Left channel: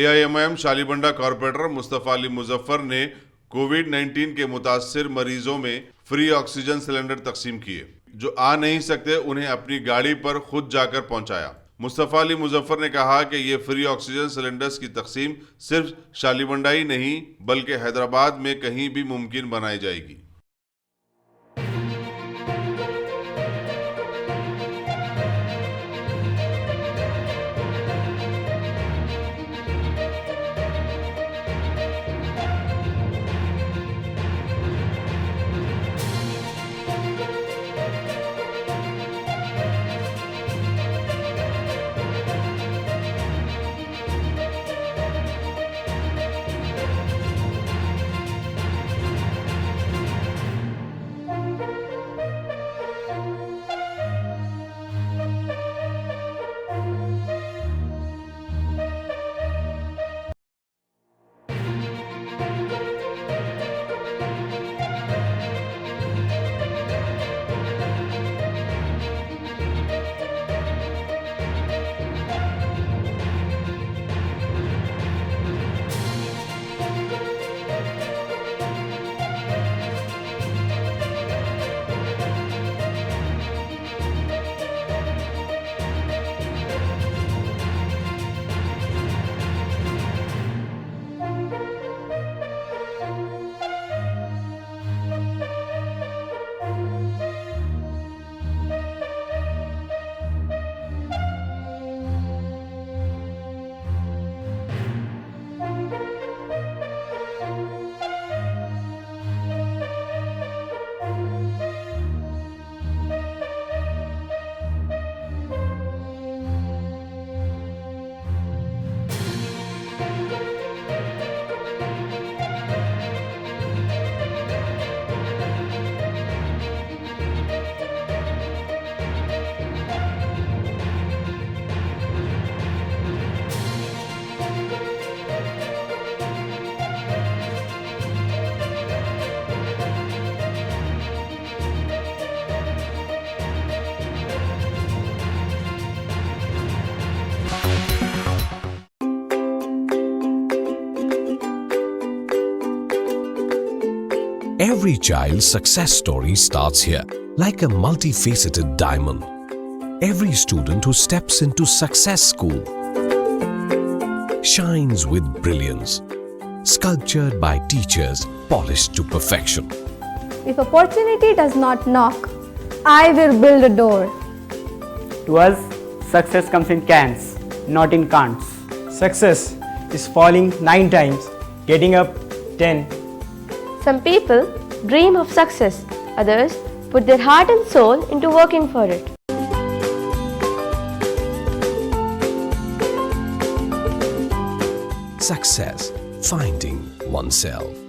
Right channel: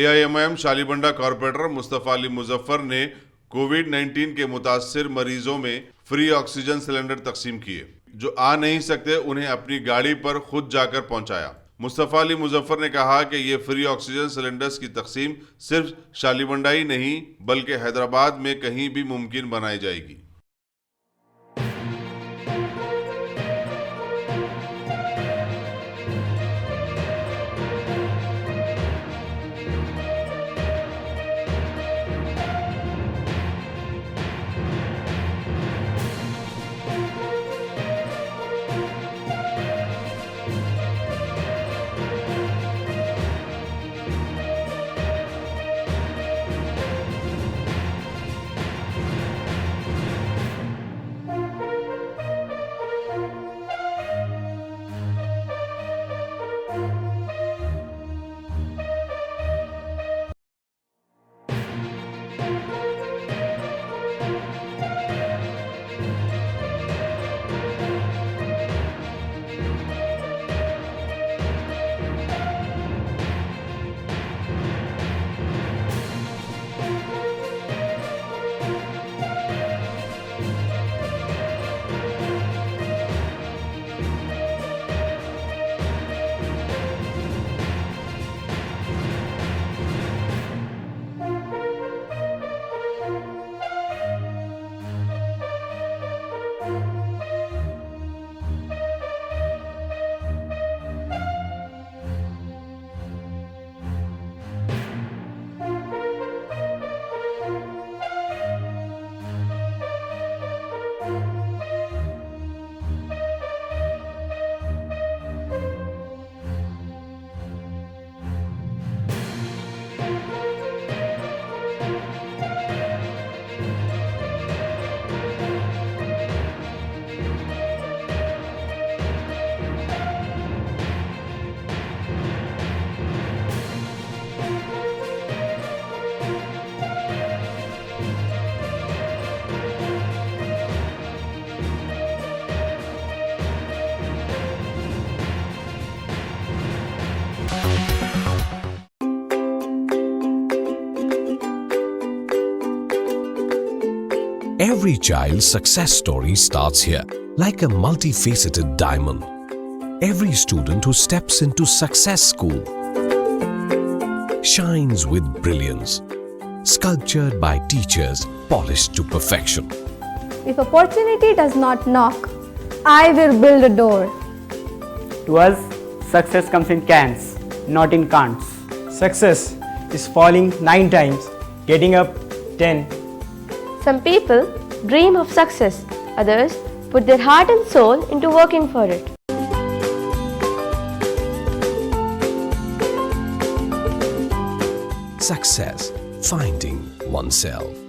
AIMIM Shalibanda corporator Mustafa Muzaffar ने कोविड-19 के मुतासिर मरीजों में फ्री ऑक्सीजन सिलेंडर तकसीम किए। जो आ नहीं सकते उन्हें अपनी गाड़ी पर खुद जाकर पहुंचाया। मुस्तफा मुजफ्फर ने कहा कि ये फ्री ऑक्सीजन सिलेंडर्स की तकसीम सिर्फ शालीबंडा ही नहीं बल्कि हैदराबाद में कहीं भी मुमकिन बनाई जाएगी। Every child's success story starts here, like a multifaceted diamond. Every student who steps into Success School shines with brilliance, sculptured by teachers polished to perfection. If opportunity does not knock, I will build a door. To us, success comes in cans, not in can'ts. Success is falling 9 times, getting up 10. Some people dream of success, others put their heart and soul into working for it. Success, finding oneself.